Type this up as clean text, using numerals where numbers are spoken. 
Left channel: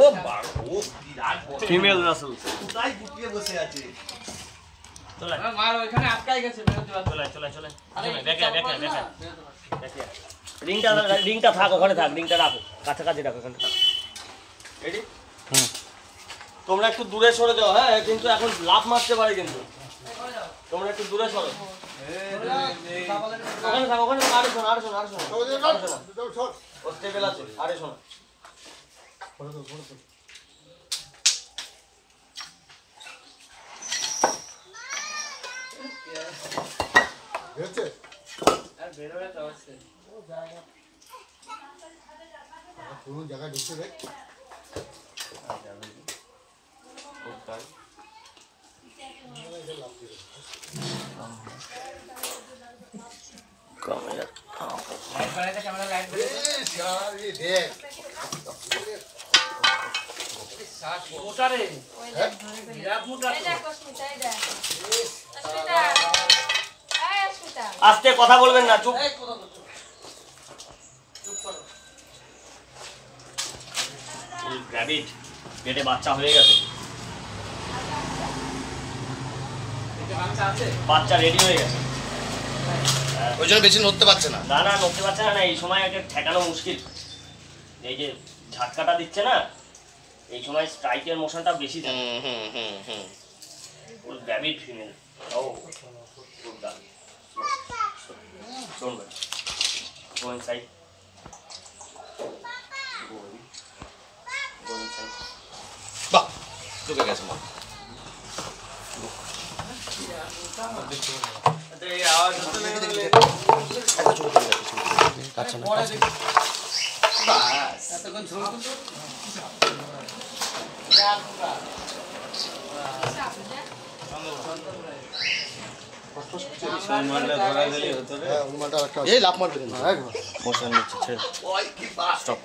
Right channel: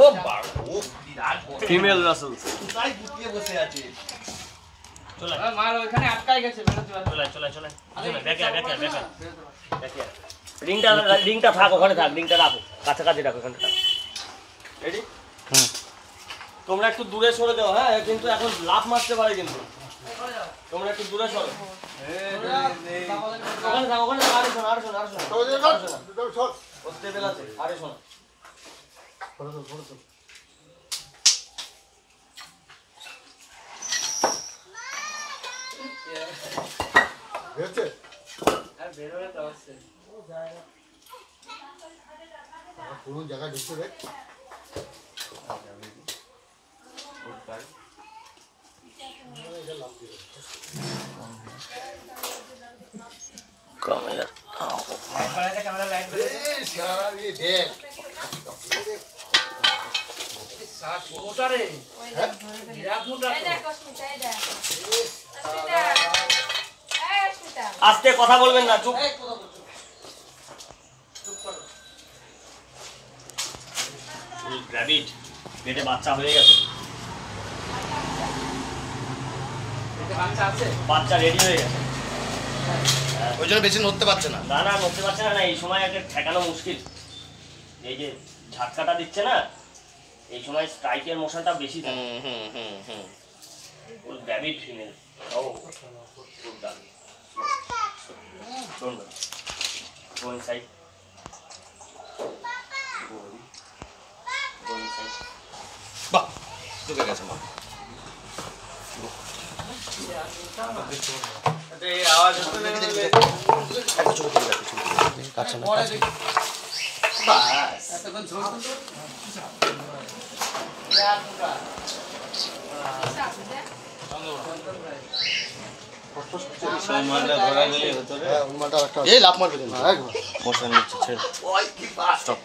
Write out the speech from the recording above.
ও female Rasel তাই গুটিয়ে বসে আছে। চলে মার ওখানে আটকাই গেছে, চলে দেখে রিংটা থাক ওখানে থাক, রিংটা রাখো কাছাকাছি রাখো, ওখানে থাক। রেডি? তোমরা একটু দূরে সরে যাও। হ্যাঁ কিন্তু এখন লাফ মারতে পারে, কিন্তু তোমরা একটু দূরে সরো। ওখানে থাক, ওখানে আরে শোনো ওর টেবিল আছে, আরে শোনো কোন জায়গায় ঢুকছে দেখ। আস্তে কথা বলবেন না, চুপ। গ্র্যাভিট পেটে বাচ্চা হয়ে গেছে, বাচ্চা রেডি হয়ে গেছে, ওই জন্য বেশি নড়তে পারছে না। না নড়তে পারছে না, এই সময় একটা ঠেকানো মুশকিল। এই যে ঝাটকাটা দিচ্ছে না, এই সময় স্ট্রাইকের মোশনটা বেশি থাকে। ওর গ্র্যাভিট ফিমেল। ও good girl. Don't worry. Go inside. Go inside. বাহ, ঢুকে গেছে মা। কাছে না এই লাভ মারবে। মোশন নিচ্ছে, ছেড়ে স্টপ।